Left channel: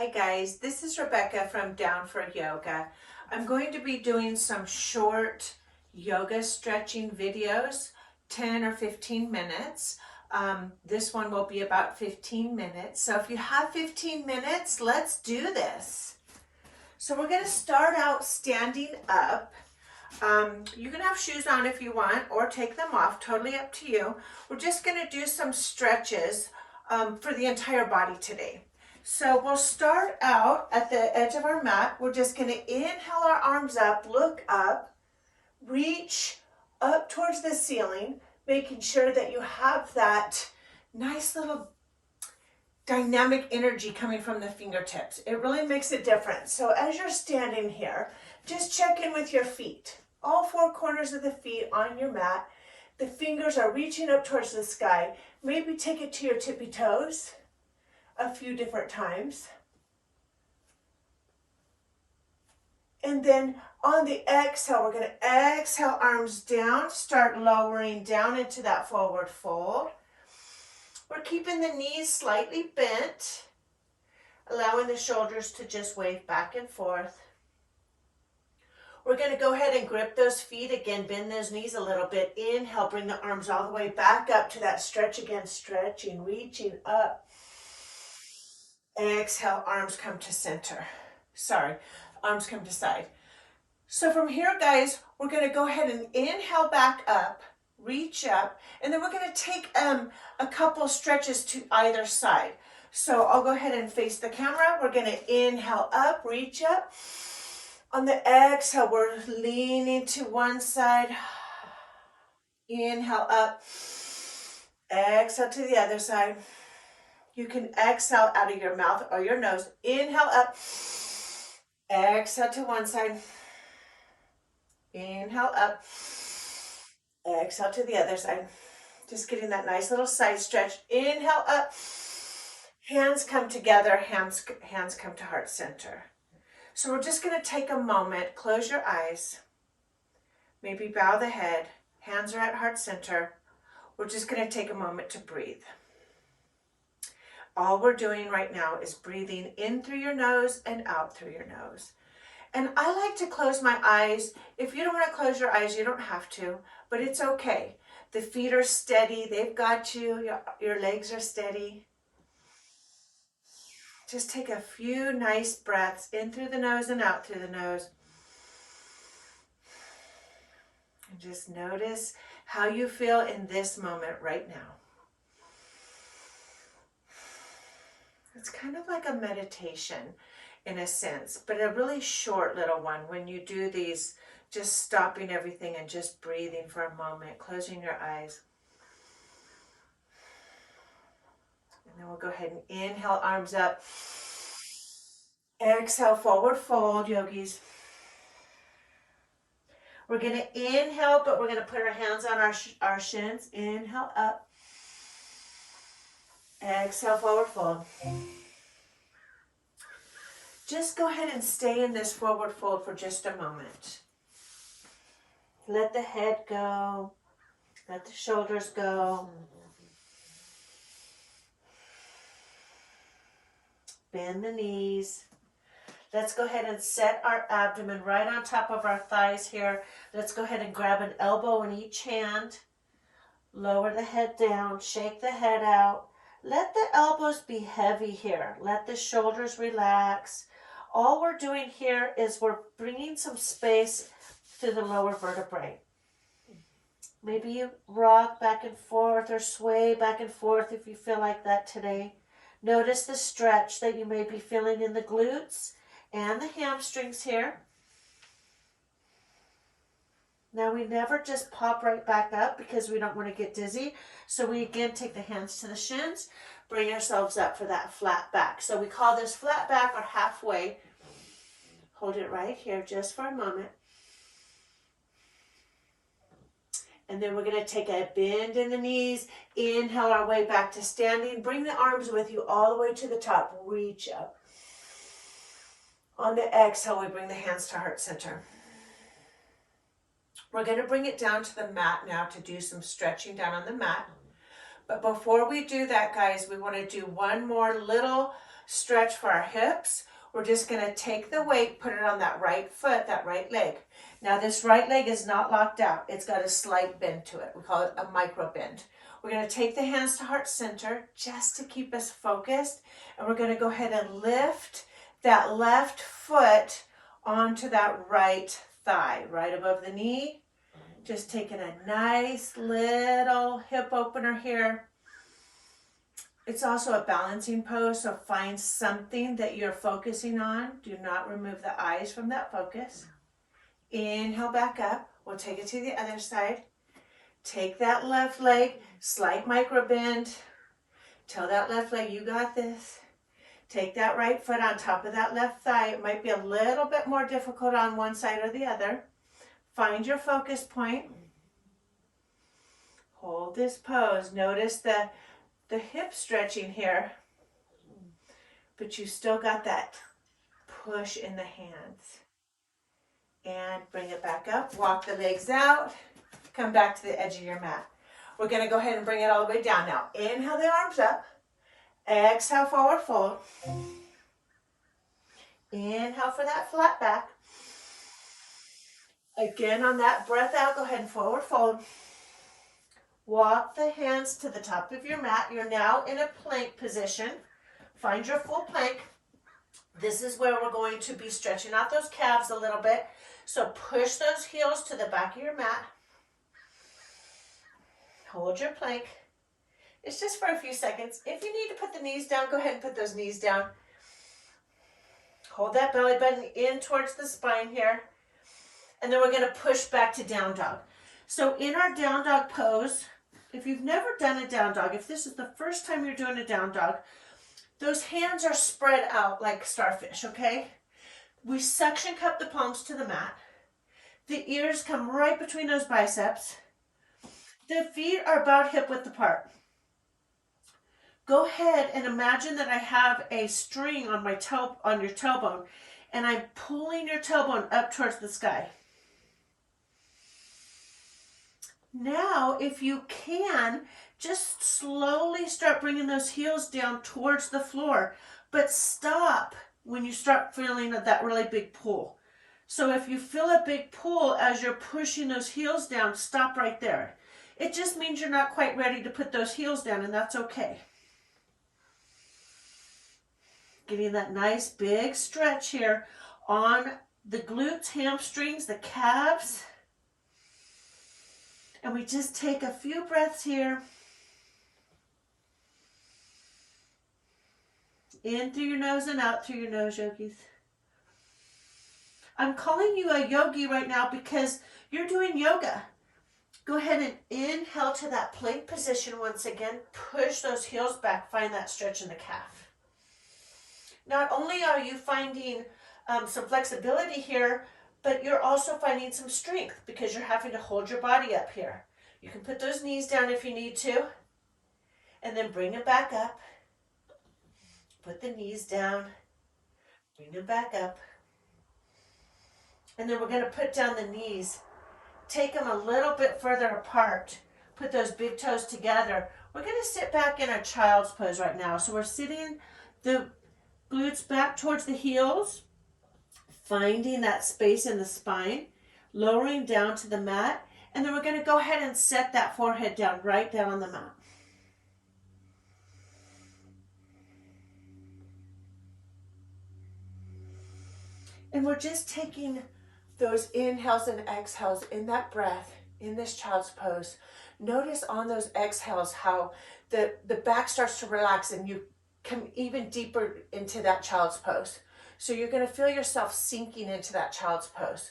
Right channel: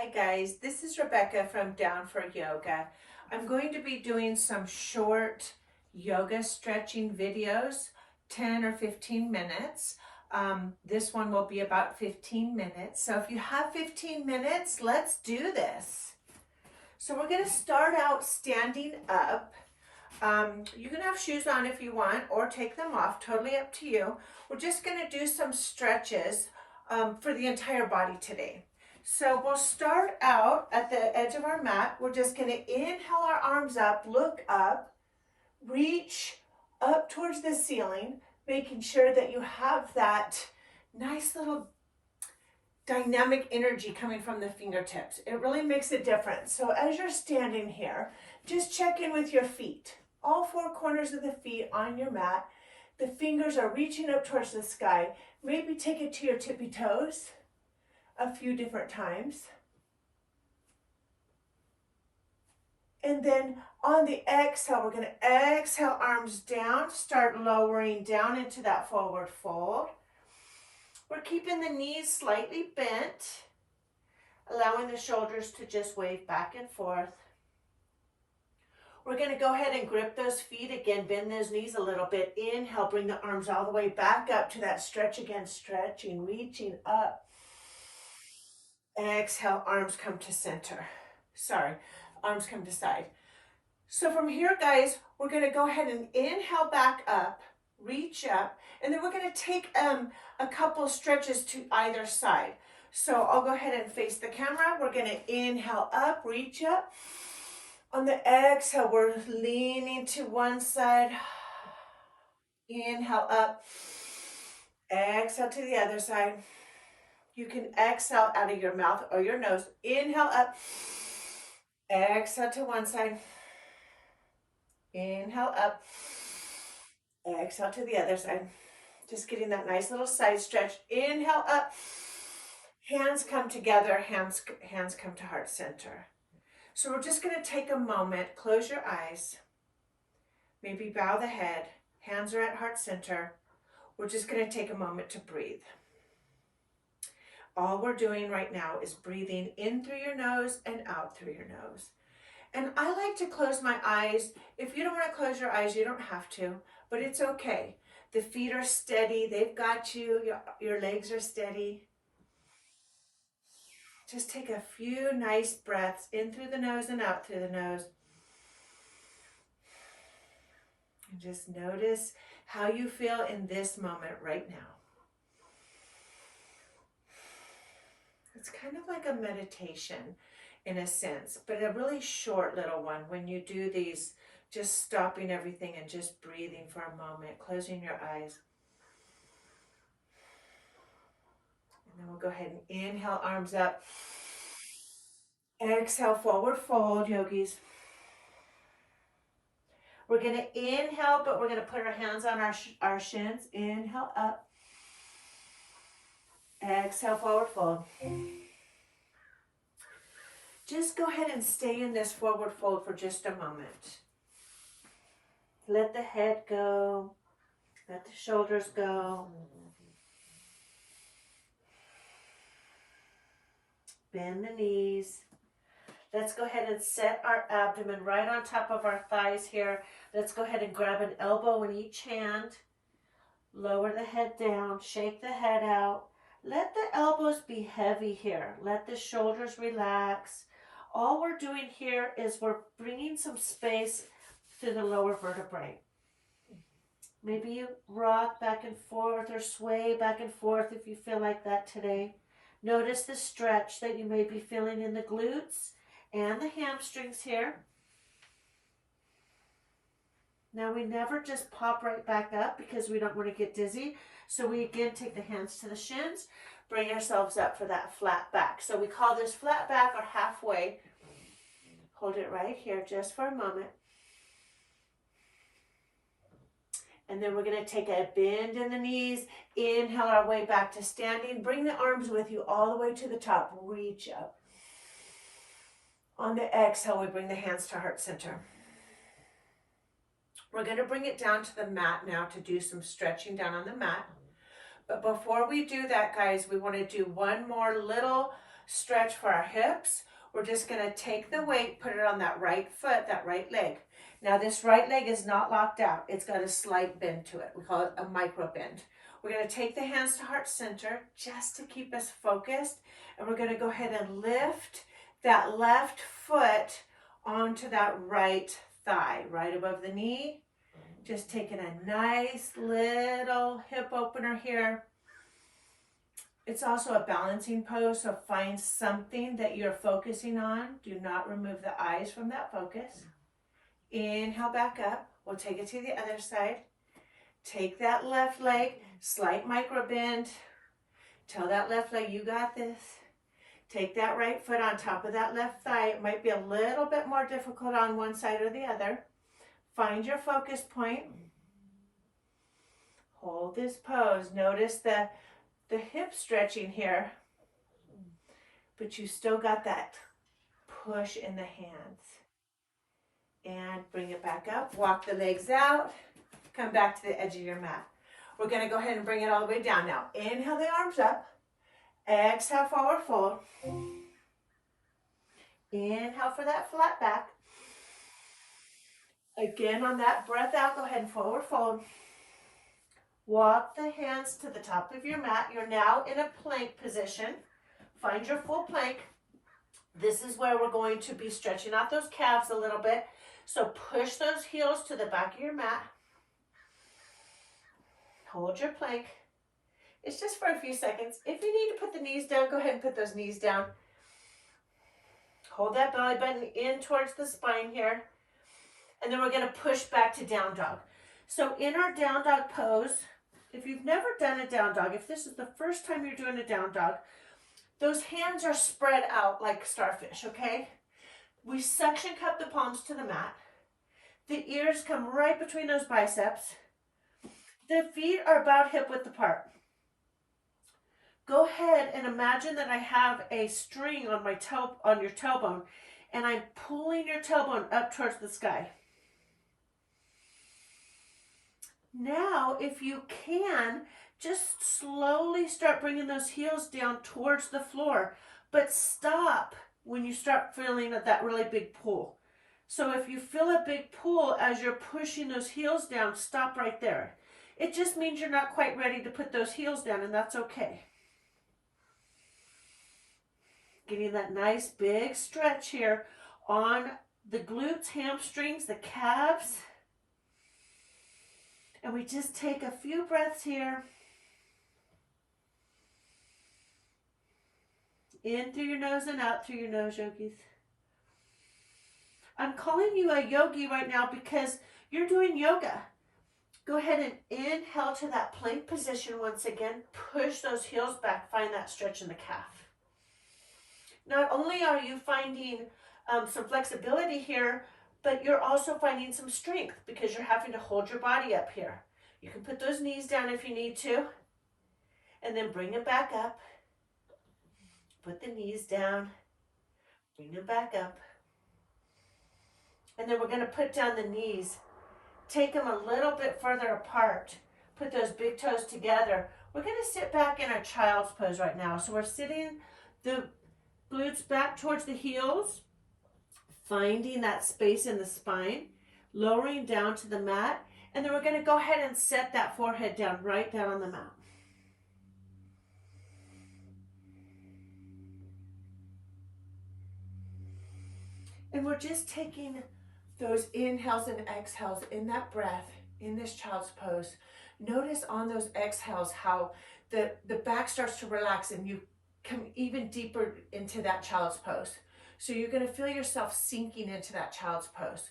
Hi guys, this is Rebecca from Down for Yoga. I'm going to be doing some short yoga stretching videos, 10 or 15 minutes. This one will be about 15 minutes. So if you have 15 minutes, let's do this. So we're going to start out standing up. You can have shoes on if you want or take them off, totally up to you. We're just going to do some stretches for the entire body today. So we'll start out at the edge of our mat. We're just going to inhale our arms up, look up, reach up towards the ceiling, making sure that you have that nice little dynamic energy coming from the fingertips. It really makes a difference. So as you're standing here, just check in with your feet. All four corners of the feet on your mat. The fingers are reaching up towards the sky. Maybe take it to your tippy toes a few different times. And then on the exhale, we're going to exhale arms down, start lowering down into that forward fold. We're keeping the knees slightly bent, allowing the shoulders to just wave back and forth. We're going to go ahead and grip those feet again, bend those knees a little bit. Inhale, bring the arms all the way back up to that stretch again, stretching, reaching up. Exhale, arms come to center. Arms come to side. So from here, guys, we're going to go ahead and inhale back up, reach up, and then we're going to take a couple stretches to either side. So I'll go ahead and face the camera. We're going to inhale up, reach up. On the exhale, we're leaning to one side. Inhale up. Exhale to the other side. You can exhale out of your mouth or your nose. Inhale up. Exhale to one side. Inhale up. Exhale to the other side. Just getting that nice little side stretch. Inhale up. Hands come together. Hands come to heart center. So we're just going to take a moment. Close your eyes. Maybe bow the head. Hands are at heart center. We're just going to take a moment to breathe. All we're doing right now is breathing in through your nose and out through your nose. And I like to close my eyes. If you don't want to close your eyes, you don't have to, but it's okay. The feet are steady. They've got you. Your legs are steady. Just take a few nice breaths in through the nose and out through the nose. And just notice how you feel in this moment right now. It's kind of like a meditation in a sense, but a really short little one when you do these, just stopping everything and just breathing for a moment, closing your eyes. And then we'll go ahead and inhale, arms up. Exhale, forward fold, yogis. We're going to inhale, but we're going to put our hands on our shins. Inhale, up. Exhale, forward fold. Just go ahead and stay in this forward fold for just a moment. Let the head go. Let the shoulders go. Bend the knees. Let's go ahead and set our abdomen right on top of our thighs here. Let's go ahead and grab an elbow in each hand. Lower the head down. Shake the head out. Let the elbows be heavy here. Let the shoulders relax. All we're doing here is we're bringing some space to the lower vertebrae. Maybe you rock back and forth or sway back and forth if you feel like that today. Notice the stretch that you may be feeling in the glutes and the hamstrings here. Now we never just pop right back up because we don't want to get dizzy. So we again take the hands to the shins, bring ourselves up for that flat back. So we call this flat back or halfway. Hold it right here just for a moment. And then we're going to take a bend in the knees. Inhale our way back to standing. Bring the arms with you all the way to the top. Reach up. On the exhale, we bring the hands to heart center. We're going to bring it down to the mat now to do some stretching down on the mat. But before we do that, guys, we want to do one more little stretch for our hips. We're just gonna take the weight, put it on that right foot, that right leg. Now this right leg is not locked out. It's got a slight bend to it. We call it a micro bend. We're gonna take the hands to heart center just to keep us focused. And we're gonna go ahead and lift that left foot onto that right thigh, right above the knee. Just taking a nice little hip opener here. It's also a balancing pose, so find something that you're focusing on. Do not remove the eyes from that focus. Inhale back up. We'll take it to the other side. Take that left leg, slight micro bend. Tell that left leg, you got this. Take that right foot on top of that left thigh. It might be a little bit more difficult on one side or the other. Find your focus point. Hold this pose. Notice the hip stretching here, but you still got that push in the hands. And bring it back up. Walk the legs out. Come back to the edge of your mat. We're going to go ahead and bring it all the way down now. Inhale the arms up. Exhale, forward fold. Inhale for that flat back. Again, on that breath out, go ahead and forward fold. Walk the hands to the top of your mat. You're now in a plank position. Find your full plank. This is where we're going to be stretching out those calves a little bit. So push those heels to the back of your mat. Hold your plank. It's just for a few seconds. If you need to put the knees down, go ahead and put those knees down. Hold that belly button in towards the spine here. And then we're going to push back to down dog. So in our down dog pose, if you've never done a down dog, if this is the first time you're doing a down dog, those hands are spread out like starfish, okay? We suction cup the palms to the mat. The ears come right between those biceps. The feet are about hip width apart. Go ahead and imagine that I have a string on my on your tailbone, and I'm pulling your tailbone up towards the sky. Now, if you can, just slowly start bringing those heels down towards the floor, but stop when you start feeling that really big pull. So if you feel a big pull as you're pushing those heels down, stop right there. It just means you're not quite ready to put those heels down, and that's okay. Getting that nice big stretch here on the glutes, hamstrings, the calves. And we just take a few breaths here. In through your nose and out through your nose, yogis. I'm calling you a yogi right now because you're doing yoga. Go ahead and inhale to that plank position once again. Push those heels back. Find that stretch in the calf. Not only are you finding some flexibility here, but you're also finding some strength because you're having to hold your body up here. You can put those knees down if you need to, and then bring them back up. Put the knees down, bring them back up. And then we're going to put down the knees. Take them a little bit further apart. Put those big toes together. We're going to sit back in our child's pose right now. So we're sitting the glutes back towards the heels, finding that space in the spine, lowering down to the mat, and then we're going to go ahead and set that forehead down, right down on the mat. And we're just taking those inhales and exhales in that breath, in this child's pose. Notice on those exhales how the back starts to relax and you come even deeper into that child's pose. So you're going to feel yourself sinking into that child's pose.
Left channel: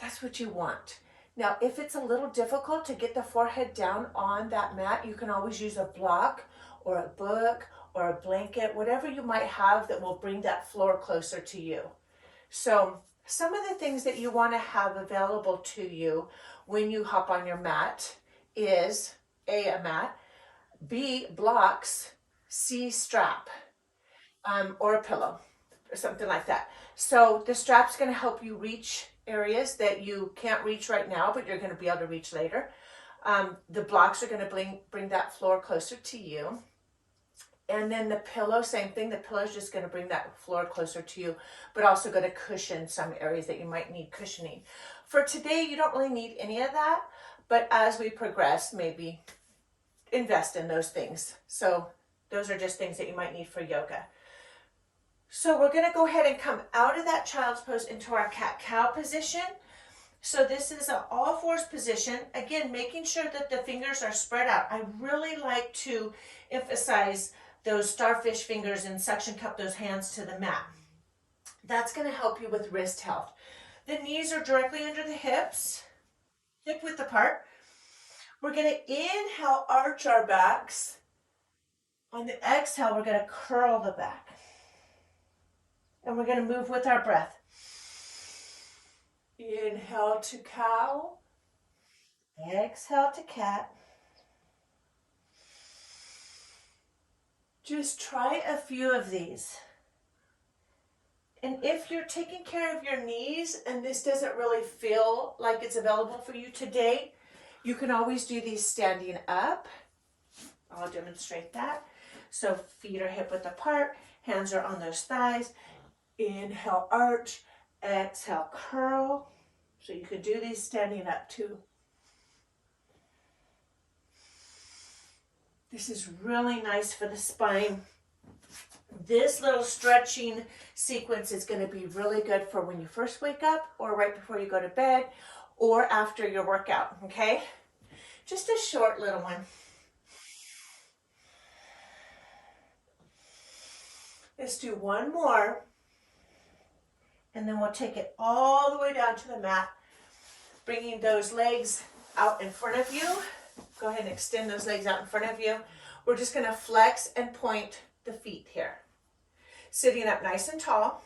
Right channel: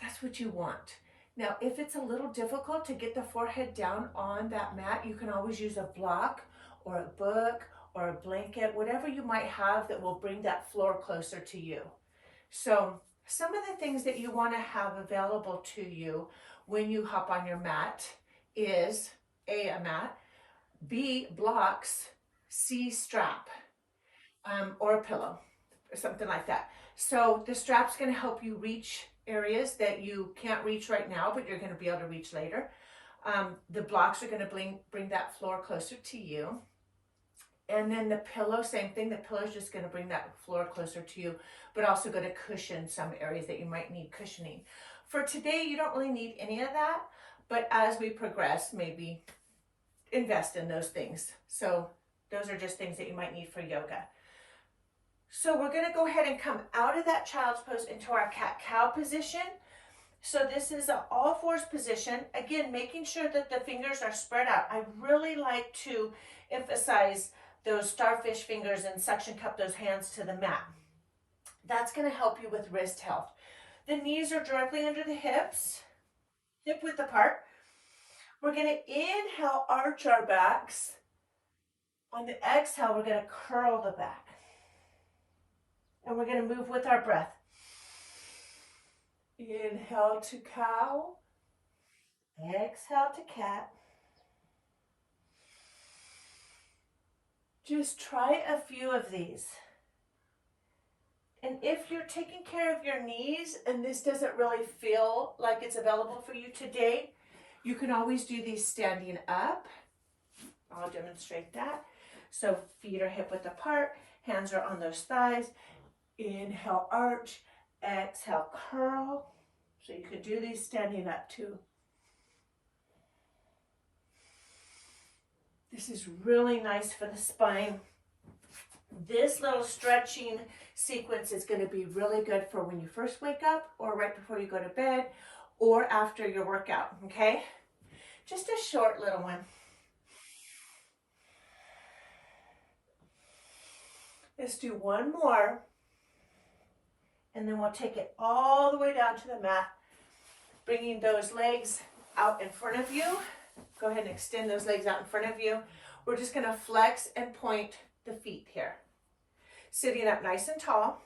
That's what you want. Now, if it's a little difficult to get the forehead down on that mat, you can always use a block or a book or a blanket, whatever you might have that will bring that floor closer to you. So some of the things that you want to have available to you when you hop on your mat is a mat, B, blocks, C, strap, or a pillow or something like that. So the strap's going to help you reach areas that you can't reach right now, but you're going to be able to reach later. The blocks are going to bring that floor closer to you. And then the pillow, same thing. The pillow is just going to bring that floor closer to you, but also going to cushion some areas that you might need cushioning. For today, you don't really need any of that, but as we progress, maybe invest in those things. So those are just things that you might need for yoga. So we're going to go ahead and come out of that child's pose into our cat-cow position. So this is an all fours position. Again, making sure that the fingers are spread out. I really like to emphasize those starfish fingers and suction cup those hands to the mat. That's going to help you with wrist health. The knees are directly under the hips, hip width apart. We're going to inhale, arch our backs. On the exhale, we're going to curl the back. And we're going to move with our breath. Inhale to cow. Exhale to cat. Just try a few of these. And if you're taking care of your knees and this doesn't really feel like it's available for you today, you can always do these standing up. I'll demonstrate that. So feet are hip width apart, hands are on those thighs. Inhale, arch. Exhale, curl. So you could do these standing up too. This is really nice for the spine. This little stretching sequence is going to be really good for when you first wake up or right before you go to bed or after your workout, okay? Just a short little one. Let's do one more. And then we'll take it all the way down to the mat, bringing those legs out in front of you. Go ahead and extend those legs out in front of you. We're just going to flex and point the feet here. Sitting up nice and tall.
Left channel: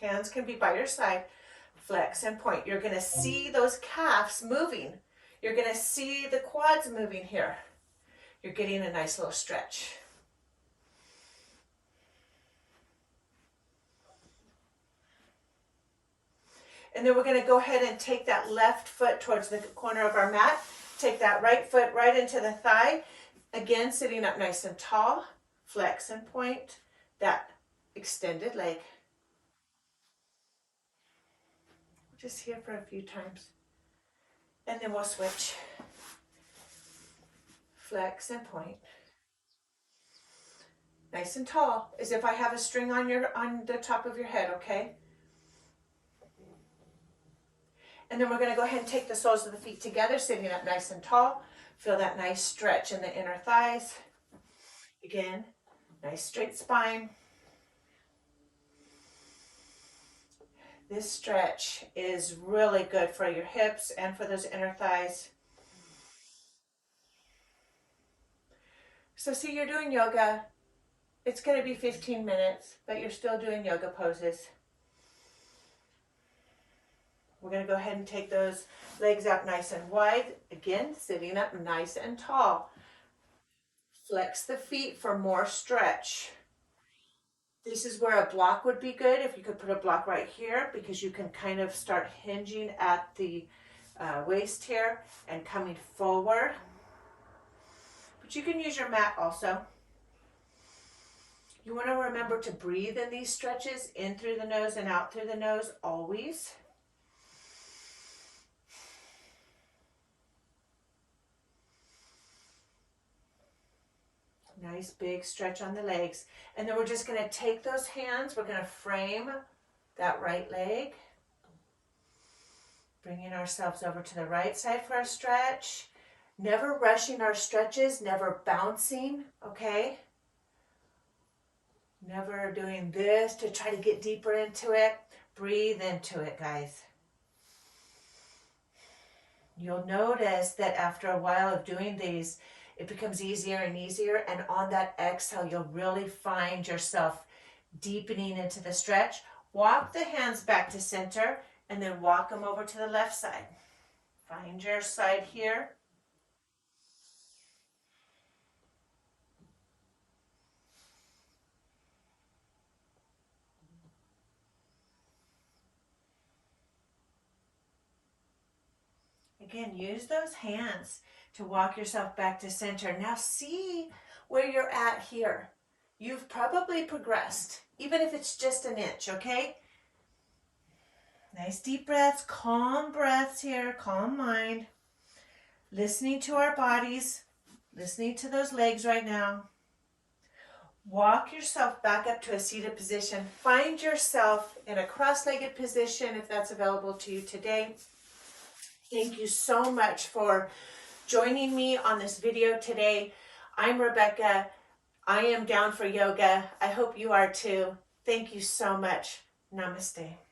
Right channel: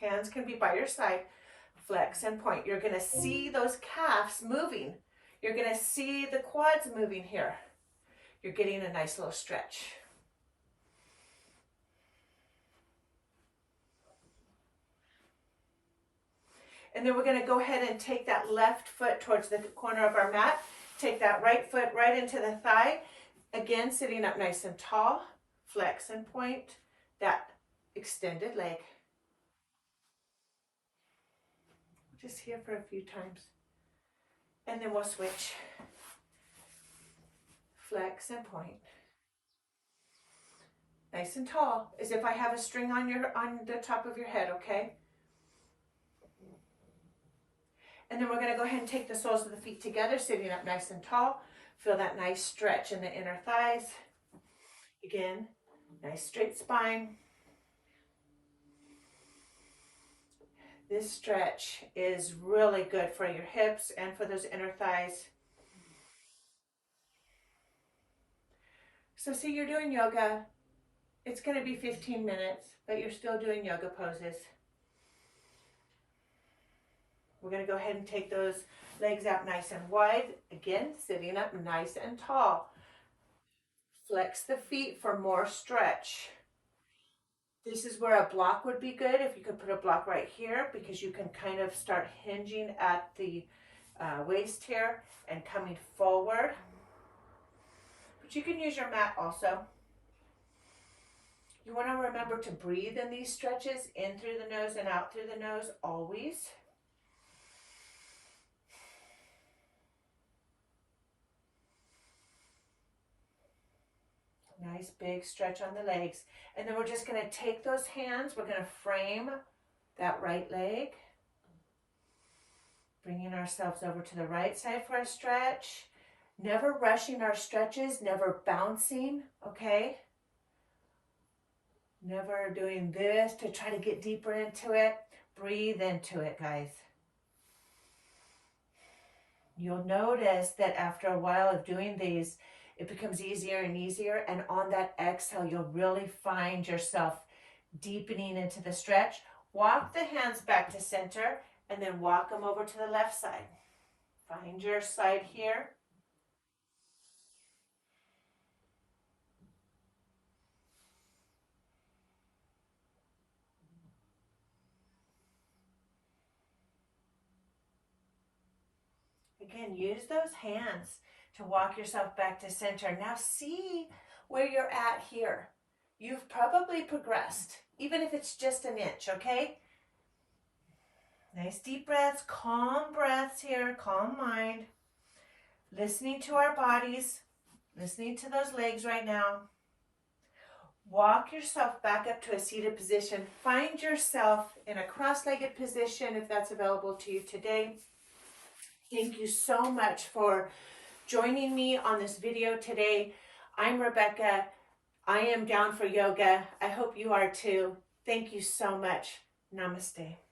Hands can be by your side. Flex and point. You're going to see those calves moving. You're going to see the quads moving here. You're getting a nice little stretch. And then we're going to go ahead and take that left foot towards the corner of our mat. Take that right foot right into the thigh. Again, sitting up nice and tall. Flex and point that extended leg. Just here for a few times. And then we'll switch. Flex and point. Nice and tall, as if I have a string on the top of your head, okay? And then we're going to go ahead and take the soles of the feet together, sitting up nice and tall. Feel that nice stretch in the inner thighs. Again, nice straight spine. This stretch is really good for your hips and for those inner thighs. So see, you're doing yoga. It's going to be 15 minutes, but you're still doing yoga poses. We're going to go ahead and take those legs out nice and wide. Again, sitting up nice and tall. Flex the feet for more stretch. This is where a block would be good, if you could put a block right here, because you can kind of start hinging at the waist here and coming forward. But you can use your mat also. You want to remember to breathe in these stretches, in through the nose and out through the nose, always. Nice big stretch on the legs. And then we're just going to take those hands, we're going to frame that right leg. Bringing ourselves over to the right side for a stretch. Never rushing our stretches, never bouncing, okay? Never doing this to try to get deeper into it. Breathe into it, guys. You'll notice that after a while of doing these, it becomes easier and easier, and on that exhale, you'll really find yourself deepening into the stretch. Walk the hands back to center, and then walk them over to the left side. Find your side here. Again, use those hands to walk yourself back to center. Now see where you're at here. you've probably progressed, even if it's just an inch, okay? Nice deep breaths, calm breaths here, calm mind. Listening to our bodies, listening to those legs right now. Walk yourself back up to a seated position. Find yourself in a cross-legged position if that's available to you today. Thank you so much for joining me on this video today. I'm Rebecca. I am down for yoga. I hope you are too. Thank you so much. Namaste.